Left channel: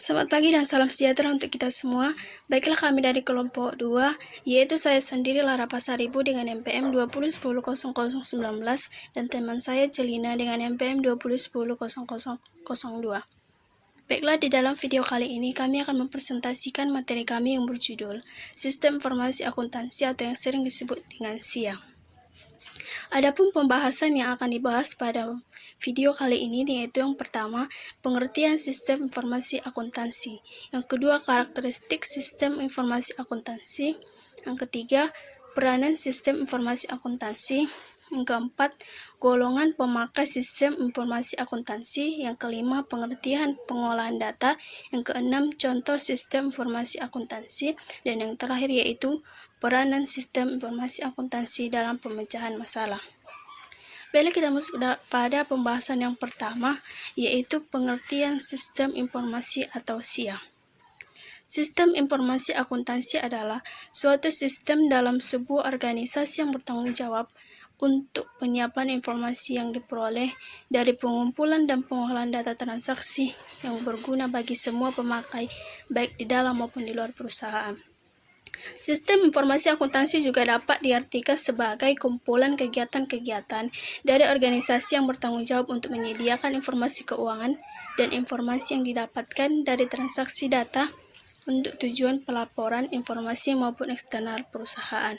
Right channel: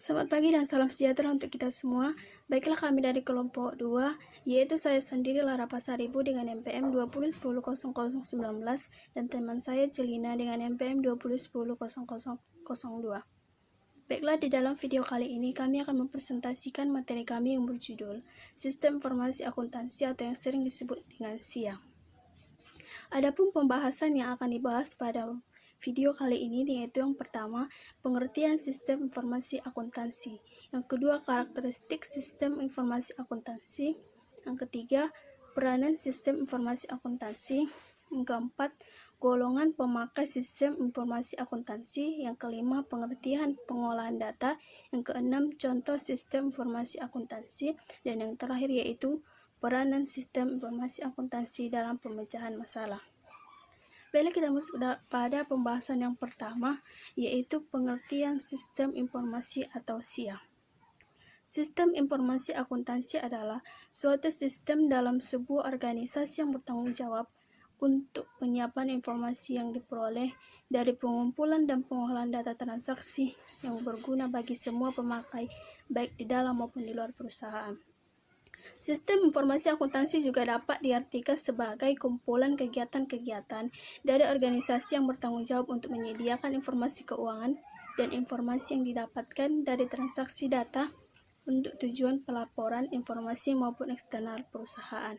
Selamat pagi dan salam sejahtera untuk kita semua. Baiklah, kami dari kelompok 2, yaitu saya sendiri Lara Pasaribu dengan NPM 20100019 dan teman saya Celina dengan NPM 20100002. Baiklah, di dalam video kali ini kami akan mempresentasikan materi kami yang berjudul Sistem Informasi Akuntansi atau yang sering disebut dengan SIA. Adapun pembahasan yang akan dibahas pada video kali ini yaitu yang pertama, pengertian sistem informasi akuntansi. Yang kedua, karakteristik sistem informasi akuntansi. Yang ketiga, peranan sistem informasi akuntansi. Yang keempat, golongan pemakai sistem informasi akuntansi. Yang kelima, pengertian pengolahan data. Yang keenam, contoh sistem informasi akuntansi. Dan yang terakhir yaitu peranan sistem informasi akuntansi dalam pemecahan masalah. Baiklah, kita masuk pada pembahasan yang pertama, yaitu pengertian sistem informasi atau SIA. Sistem informasi akuntansi adalah suatu sistem dalam sebuah organisasi yang bertanggung jawab untuk penyiapan informasi yang diperoleh dari pengumpulan dan pengolahan data transaksi yang berguna bagi semua pemakai, baik di dalam maupun di luar perusahaan. Sistem informasi akuntansi juga dapat diartikan sebagai kumpulan kegiatan-kegiatan dari organisasi yang bertanggung jawab untuk menyediakan informasi keuangan dan informasi yang didapatkan dari transaksi data untuk tujuan pelaporan informasi maupun eksternal perusahaan.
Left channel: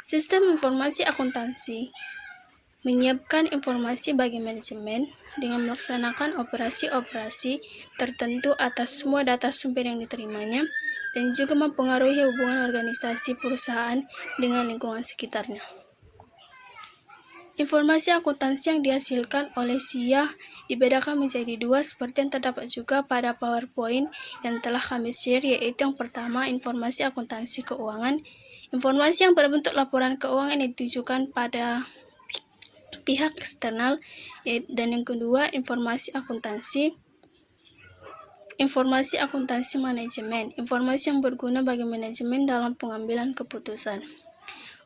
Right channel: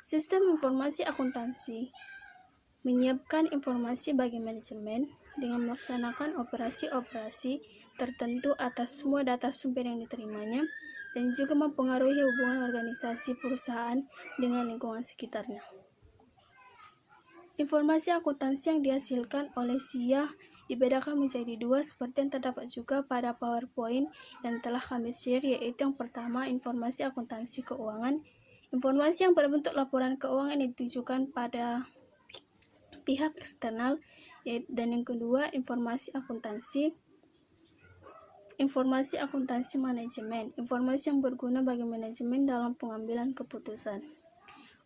Sistem informasi akuntansi menyiapkan informasi bagi manajemen dengan melaksanakan operasi-operasi tertentu atas semua data sumber yang diterimanya dan juga mempengaruhi hubungan organisasi perusahaan dengan lingkungan sekitarnya. Informasi akuntansi yang dihasilkan oleh SIA dibedakan menjadi dua seperti yang terdapat juga pada PowerPoint yang telah kami share, yaitu yang pertama, informasi akuntansi keuangan. Informasi yang berbentuk laporan keuangan yang ditujukan pada pihak eksternal, dan yang kedua, informasi akuntansi manajemen, informasi yang berguna bagi manajemen dalam pengambilan keputusan.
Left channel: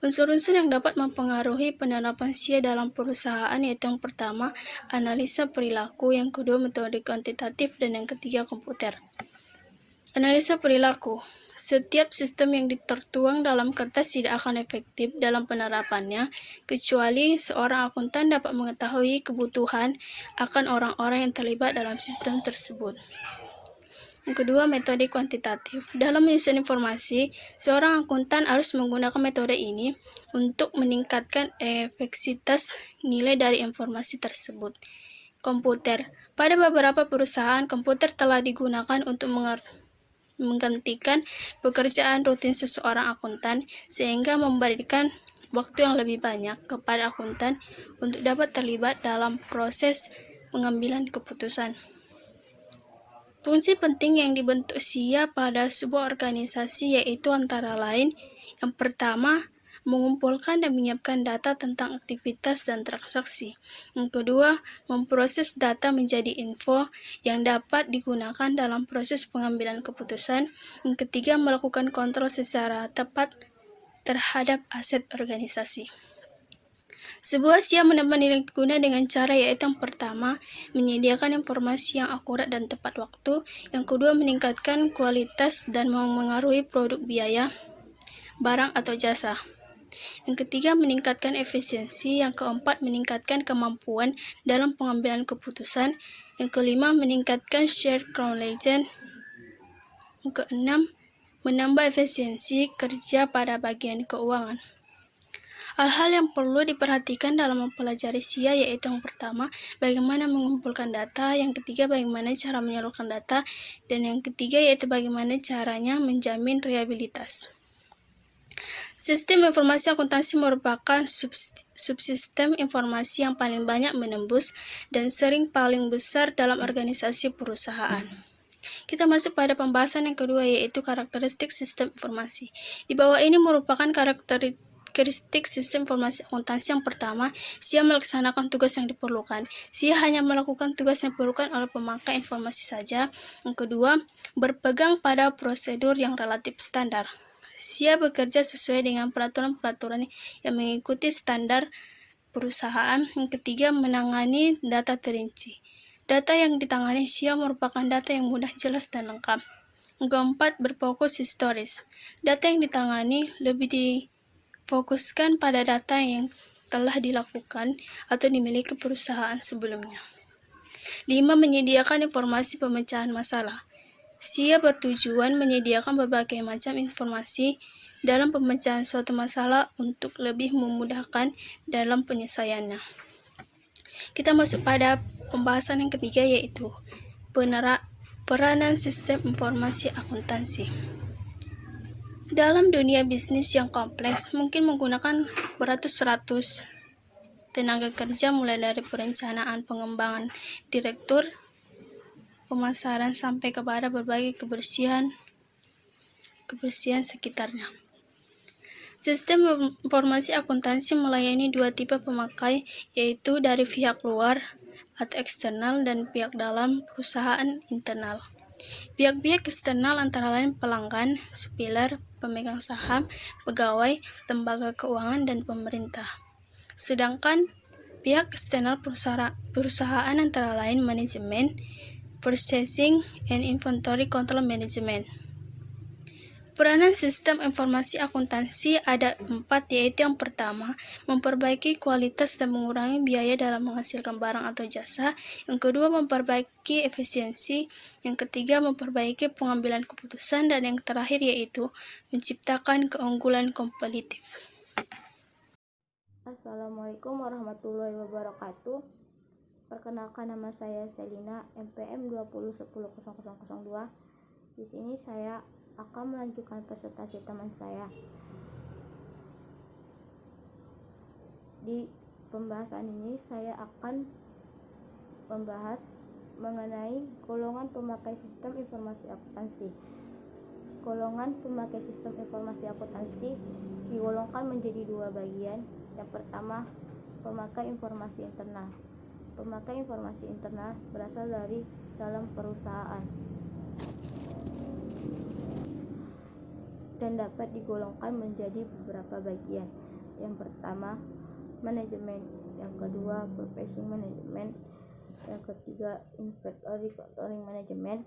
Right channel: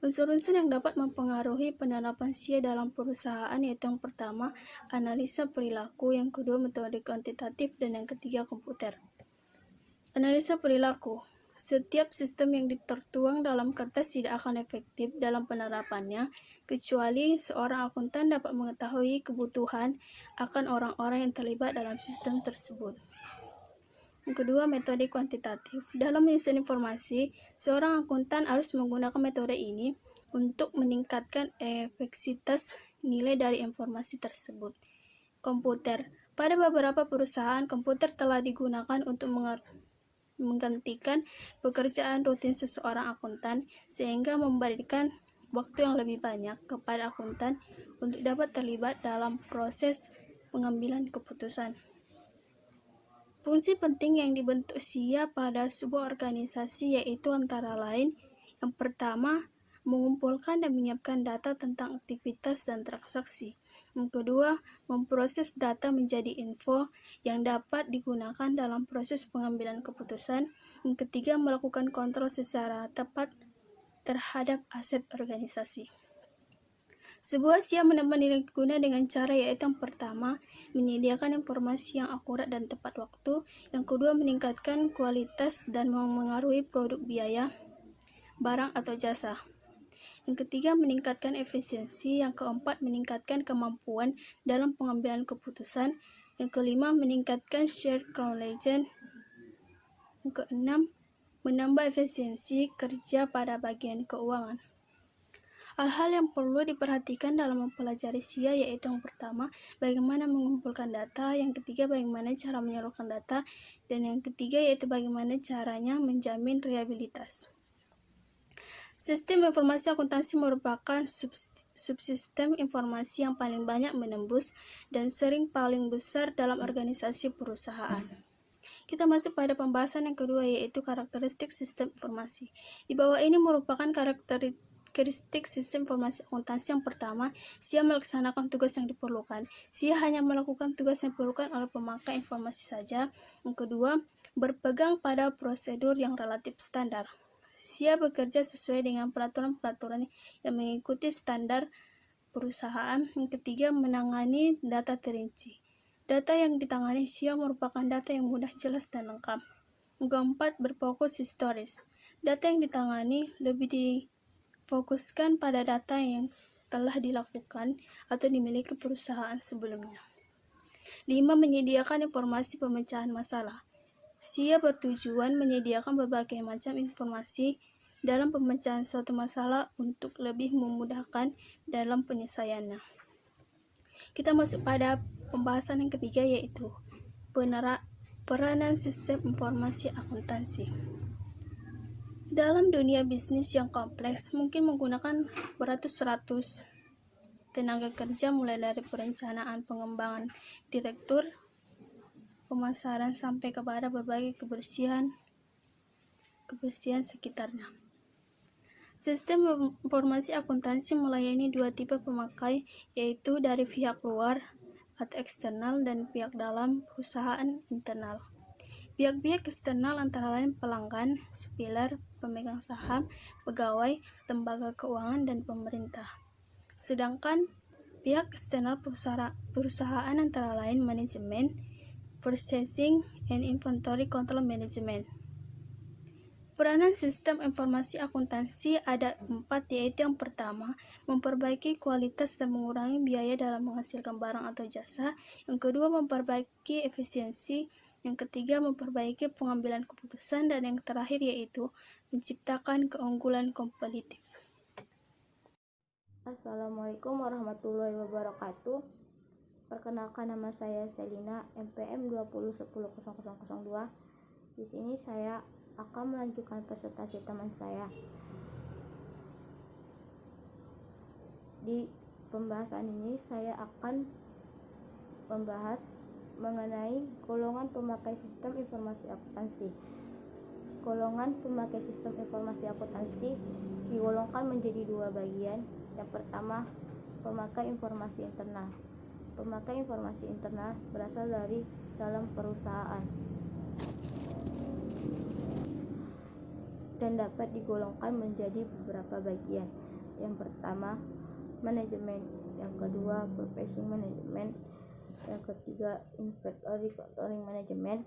Unsur-unsur yang dapat mempengaruhi penerapan SIA dalam perusahaan yaitu yang pertama, analisa perilaku, yang kedua, metode kuantitatif, dan yang ketiga, komputer. Analisa perilaku. Setiap sistem yang tertuang dalam kertas tidak akan efektif dalam penerapannya, kecuali seorang akuntan dapat mengetahui kebutuhan akan orang-orang yang terlibat dalam sistem tersebut. Yang kedua, metode kuantitatif. Dalam menyusun informasi, seorang akuntan harus menggunakan metode ini untuk meningkatkan efektivitas nilai dari informasi tersebut. Komputer. Pada beberapa perusahaan, komputer telah digunakan untuk menggantikan pekerjaan rutin seseorang akuntan, sehingga memberikan waktu yang lebih banyak kepada akuntan untuk dapat terlibat dalam proses pengambilan keputusan. Fungsi penting yang dibentuk SIA pada sebuah organisasi yaitu antara lain, yang pertama, mengumpulkan dan menyiapkan data tentang aktivitas dan transaksi. Yang kedua, memproses data menjadi info yang dapat digunakan dalam proses pengambilan keputusan. Yang ketiga, melakukan kontrol secara tepat terhadap aset organisasi. Sebuah SIA mendapat nilai guna dengan cara yaitu yang pertama, menyediakan informasi yang akurat dan tepat waktu. Yang kedua, meningkatkan kualitas dan memengaruhi produk biaya, barang atau jasa. Yang ketiga, meningkatkan efisiensi. Yang keempat, meningkatkan kemampuan dalam pengambilan keputusan. Yang kelima, meningkatkan shared knowledge. Yang keenam, menambah efisiensi kerja pada bagian keuangan. Hal-hal yang perlu diperhatikan dalam mempelajari SIA yaitu yang pertama, bagaimana mengumpulkan data, yang ketiga, bagaimana cara menyalurkan data, dan yang ketiga yaitu bagaimana caranya menjamin reliabilitas. Sistem informasi akuntansi merupakan subsistem informasi yang paling banyak menembus dan sering paling besar dalam organisasi perusahaan. Kita masuk pada pembahasan yang kedua yaitu karakteristik sistem informasi. Di bawah ini merupakan karakteristik sistem informasi akuntansi. Yang pertama, SIA melaksanakan tugas yang diperlukan. SIA hanya melakukan tugas yang diperlukan oleh pemakai informasi saja. Yang kedua, berpegang pada prosedur yang relatif standar. SIA bekerja sesuai dengan peraturan-peraturan yang mengikuti standar perusahaan. Yang ketiga, menangani data terinci. Data yang ditangani SIA merupakan data yang mudah, jelas, dan lengkap. Yang keempat, berfokus historis. Data yang ditangani lebih difokuskan pada data yang telah dilakukan atau dimiliki perusahaan sebelumnya. 5. Menyediakan informasi pemecahan masalah. SIA bertujuan menyediakan berbagai macam informasi dalam pemecahan suatu masalah untuk lebih memudahkan dalam penyelesaiannya. Kita masuk pada pembahasan yang ketiga, yaitu peranan sistem informasi akuntansi. Dalam dunia bisnis yang kompleks, mungkin menggunakan beratus-ratus tenaga kerja, mulai dari perencanaan, pengembangan, direktur, pemasaran, sampai kepada berbagai kebersihan sekitarnya. Sistem informasi akuntansi melayani dua tipe pemakai, yaitu dari pihak luar atau eksternal dan pihak dalam perusahaan internal. Pihak-pihak eksternal antara lain pelanggan, supplier, pemegang saham, pegawai, lembaga keuangan, dan pemerintah. Sedangkan pihak eksternal perusahaan antara lain manajemen, purchasing, and inventory control management. Peranan sistem informasi akuntansi ada 4, yaitu yang pertama, memperbaiki kualitas dan mengurangi biaya dalam menghasilkan barang atau jasa. Yang kedua, memperbaiki efisiensi. Yang ketiga, memperbaiki pengambilan keputusan. Dan yang terakhir yaitu menciptakan keunggulan kompetitif. Assalamualaikum warahmatullahi wabarakatuh. Perkenalkan, nama saya Selina, MPM 20100002. Di sini saya akan melanjutkan presentasi teman saya. Di pembahasan ini saya akan membahas mengenai golongan pemakai sistem informasi akuntansi. Golongan pemakai sistem informasi akuntansi digolongkan menjadi dua bagian. Yang pertama, pemakai informasi internal. Pemakai informasi internal berasal dari dalam perusahaan dan dapat digolongkan menjadi beberapa bagian. Yang pertama, manajemen. Yang kedua, purchasing management. Yang ketiga, inventory controlling management.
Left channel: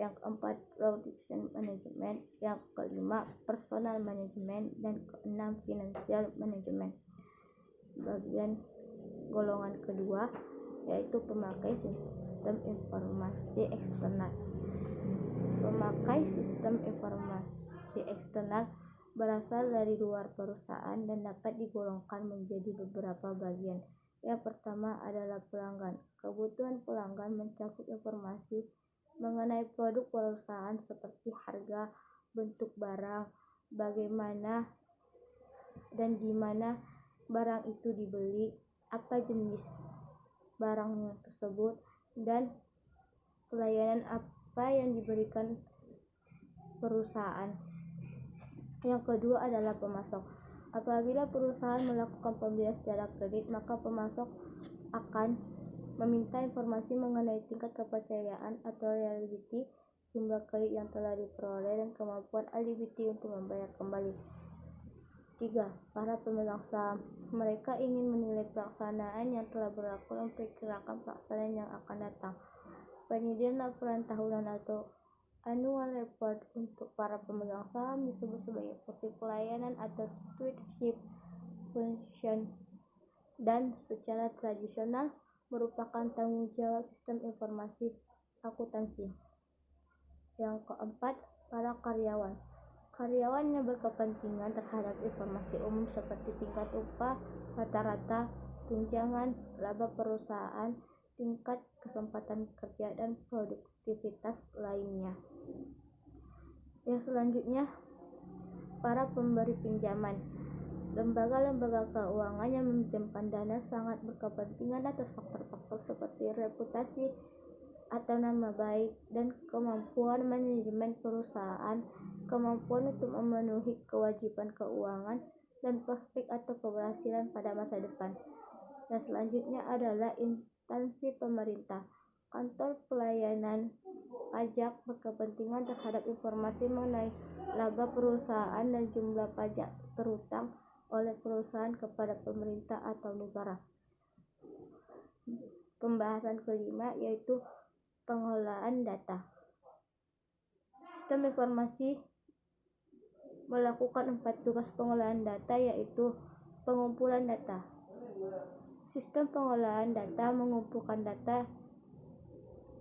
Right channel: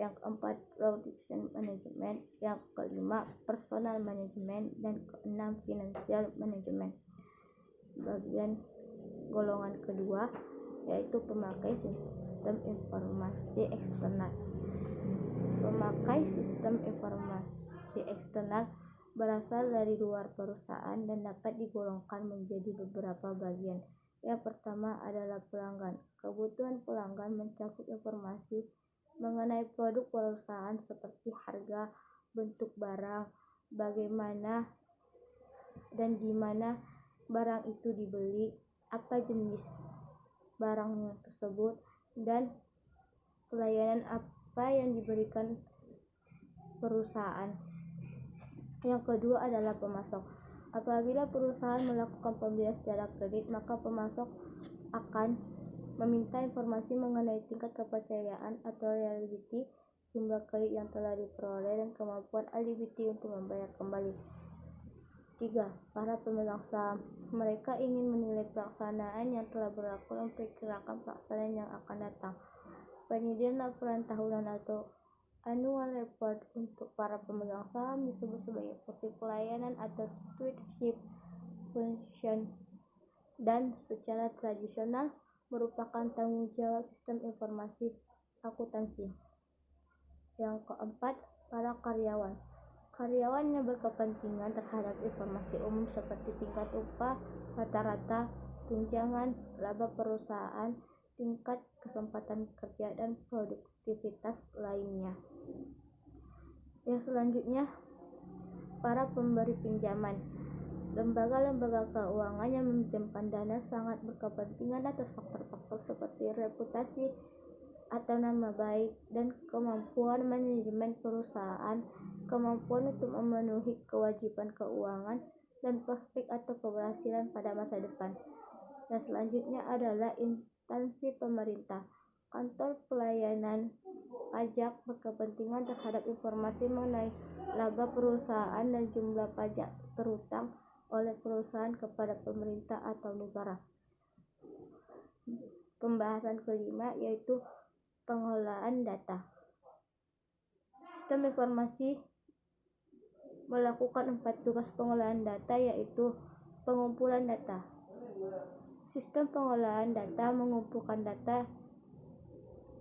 Yang keempat, production management. Yang kelima, personal management. Dan keenam, financial management. Bagian golongan kedua yaitu pemakai sistem informasi eksternal. Pemakai sistem informasi eksternal berasal dari luar perusahaan dan dapat digolongkan menjadi beberapa bagian. Yang pertama adalah pelanggan. Kebutuhan pelanggan mencakup informasi mengenai produk perusahaan seperti harga, bentuk barang, bagaimana dan di mana barang itu dibeli, apa jenis barang tersebut, dan pelayanan apa yang diberikan perusahaan. Yang kedua adalah pemasok. Apabila perusahaan melakukan pembelian secara kredit, maka pemasok akan meminta informasi mengenai tingkat kepercayaan atau reliability, jumlah kredit yang telah diperoleh, dan kemampuan eligibility untuk membayar kembali. 3. Para pemegang saham. Mereka ingin menilai pelaksanaan yang telah berlaku dan memperkirakan pelaksanaan yang akan datang. Penyediaan laporan tahunan atau annual report untuk para pemegang saham disebut sebagai fungsi pelayanan atau stewardship function, dan secara tradisional merupakan tanggung jawab sistem informasi akuntansi. Yang keempat, para karyawan. Karyawan yang berkepentingan terhadap informasi umum seperti tingkat upah rata-rata, tunjangan, laba perusahaan, tingkat kesempatan kerja, dan produktivitas lainnya. Yang selanjutnya, para pemberi pinjaman. Lembaga-lembaga keuangan yang meminjamkan dana sangat berkepentingan atas faktor-faktor seperti reputasi atau nama baik dan kemampuan manajemen perusahaan, kemampuan untuk memenuhi kewajiban keuangan, dan prospek atau keberhasilan pada masa depan. Yang selanjutnya adalah instansi pemerintah. Kantor pelayanan pajak berkepentingan terhadap informasi mengenai laba perusahaan dan jumlah pajak terutang oleh perusahaan kepada pemerintah atau negara. Pembahasan kelima yaitu pengelolaan data. Sistem informasi melakukan 4 tugas pengelolaan data, yaitu pengumpulan data. Sistem pengelolaan data mengumpulkan data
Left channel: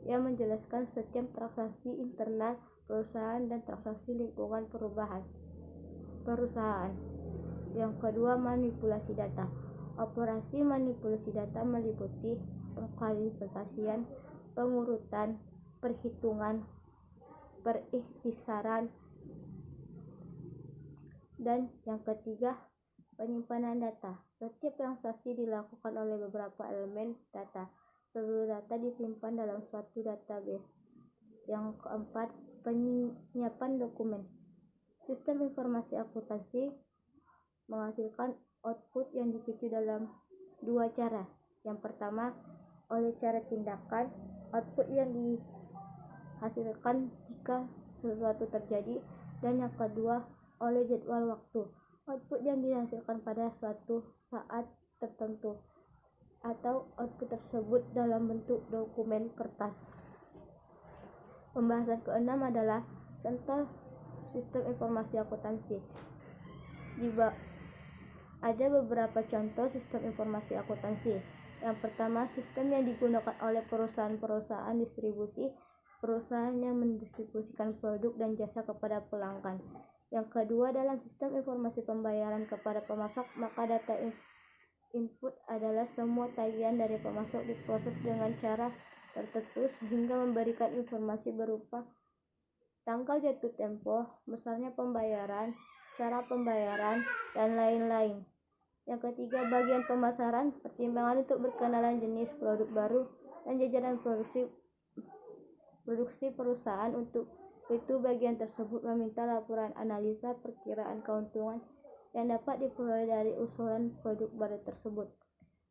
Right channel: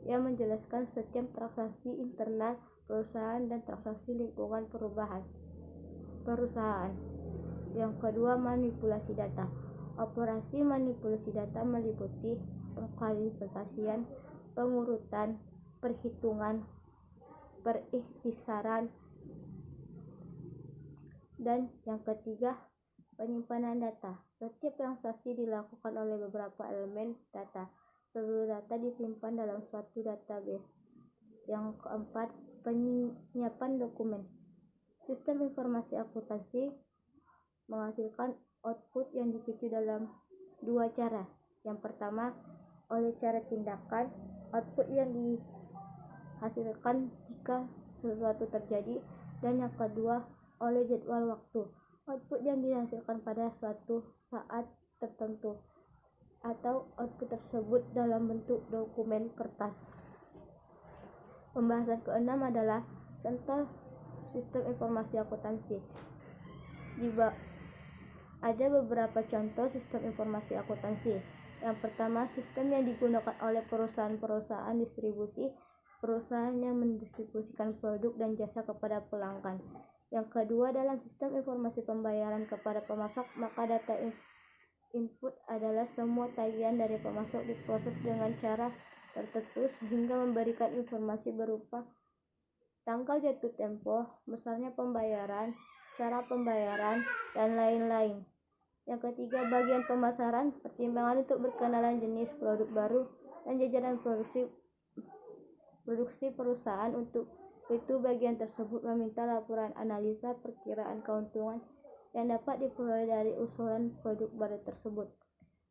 yang menjelaskan setiap transaksi internal perusahaan dan transaksi lingkungan perusahaan. Yang kedua, manipulasi data. Operasi manipulasi data meliputi pengklasifikasian, pengurutan, perhitungan, perikhtisaran, dan yang ketiga, penyimpanan data. Setiap transaksi dilakukan oleh beberapa elemen data. Seluruh data disimpan dalam suatu database. Yang keempat, penyiapan dokumen. Sistem informasi akuntansi menghasilkan output yang dipicu dalam 2 cara. Yang pertama, oleh cara tindakan, output yang dihasilkan jika sesuatu terjadi, dan yang kedua, oleh jadwal waktu, output yang dihasilkan pada suatu saat tertentu, atau output tersebut dalam bentuk dokumen kertas. Pembahasan keenam adalah contoh sistem informasi akuntansi. Ada beberapa contoh sistem informasi akuntansi. Yang pertama, sistem yang digunakan oleh perusahaan-perusahaan distribusi, perusahaan yang mendistribusikan produk dan jasa kepada pelanggan. Yang kedua, dalam sistem informasi pembayaran kepada pemasok, maka data input adalah semua tagihan dari pemasok diproses dengan cara tertentu sehingga memberikan informasi berupa tanggal jatuh tempo, besarnya pembayaran, cara pembayaran, dan lain-lain. Yang ketiga, bagian pemasaran, pertimbangan untuk berkenalan jenis produk baru, dan jajaran produksi perusahaan. Untuk itu, bagian tersebut meminta laporan analisa perkiraan keuntungan yang dapat diperoleh dari usulan produk baru tersebut.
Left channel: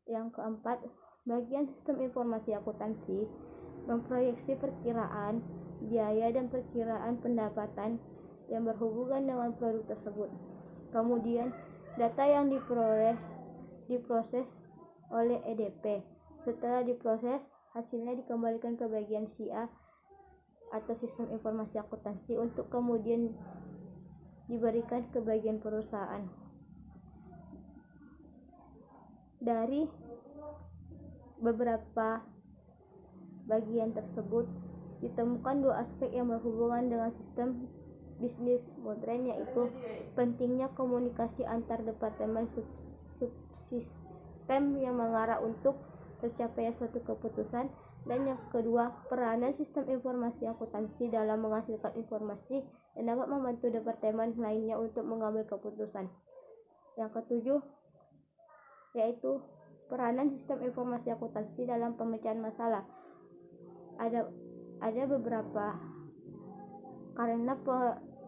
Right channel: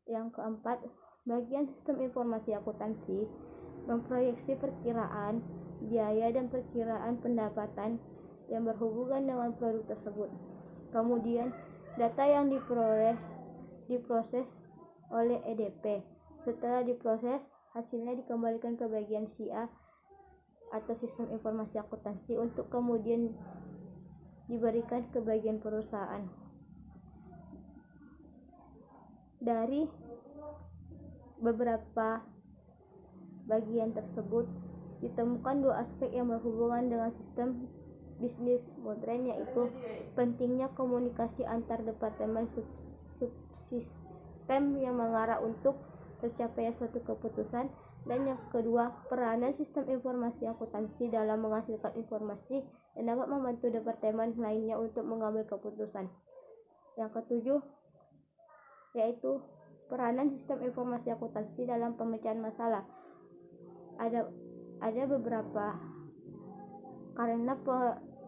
Yang keempat, bagian sistem informasi akuntansi memproyeksi perkiraan biaya dan perkiraan pendapatan yang berhubungan dengan produk tersebut. Kemudian, data yang diperoleh diproses oleh EDP. Setelah diproses, hasilnya dikembalikan ke bagian CA atau sistem informasi akuntansi untuk kemudian diberikan ke bagian perusahaan. Dari beberapa bagian tersebut ditemukan 2 aspek yang berhubungan dengan sistem bisnis modern, yaitu pentingnya komunikasi antar departemen subsistem yang mengarah untuk tercapainya suatu keputusan, dan yang kedua, peranan sistem informasi akuntansi dalam menghasilkan informasi yang dapat membantu departemen lainnya untuk mengambil keputusan. Yang ketujuh, yaitu peranan sistem informasi akuntansi dalam pemecahan masalah. Ada beberapa, karena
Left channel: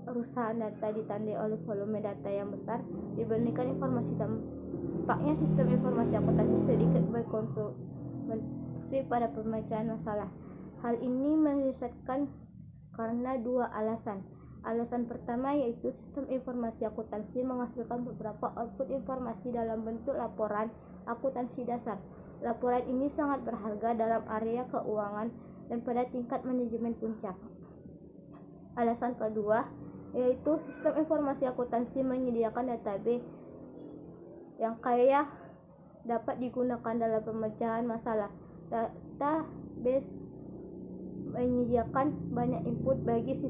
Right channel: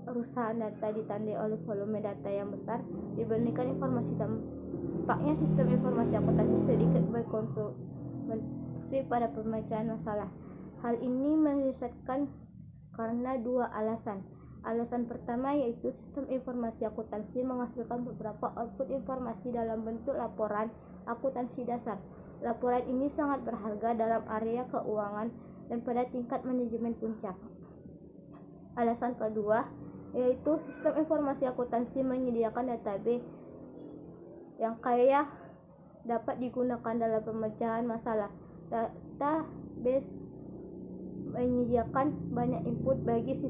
perusahaan data ditandai oleh volume data yang besar dibandingkan informasi, tampaknya sistem informasi akuntansi sedikit berkontribusi pada pemecahan masalah. Hal ini menyesatkan karena 2 alasan. Alasan pertama yaitu sistem informasi akuntansi menghasilkan beberapa output informasi dalam bentuk laporan akuntansi dasar. Laporan ini sangat berharga dalam area keuangan dan pada tingkat manajemen puncak. Alasan kedua yaitu sistem informasi akuntansi menyediakan database yang kaya dapat digunakan dalam pemecahan masalah. Database menyediakan banyak input bagi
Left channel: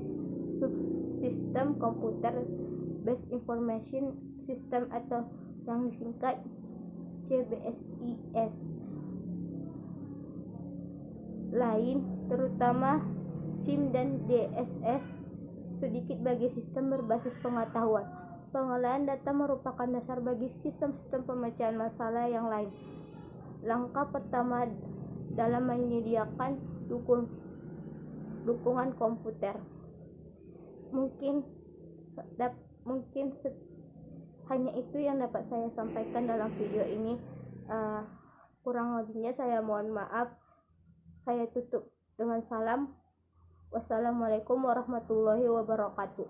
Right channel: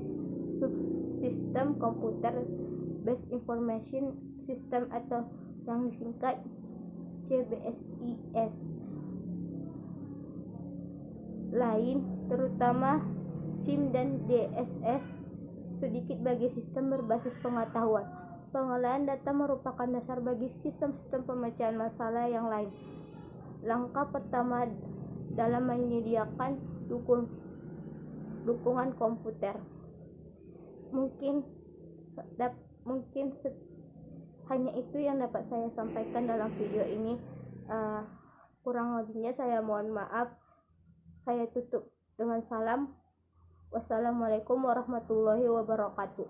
subsistem komputer based information system atau yang disingkat CBSIS lain, terutama SIM dan DSS, sedikit bagi sistem berbasis pengetahuan. Pengolahan data merupakan dasar bagi sistem-sistem pemecahan masalah yang lain. Langkah pertama dalam menyediakan dukungan komputer. Mungkin hanya itu yang dapat saya sampaikan dalam video ini. Kurang lebihnya saya mohon maaf. Saya tutup dengan salam. Wassalamualaikum warahmatullahi wabarakatuh.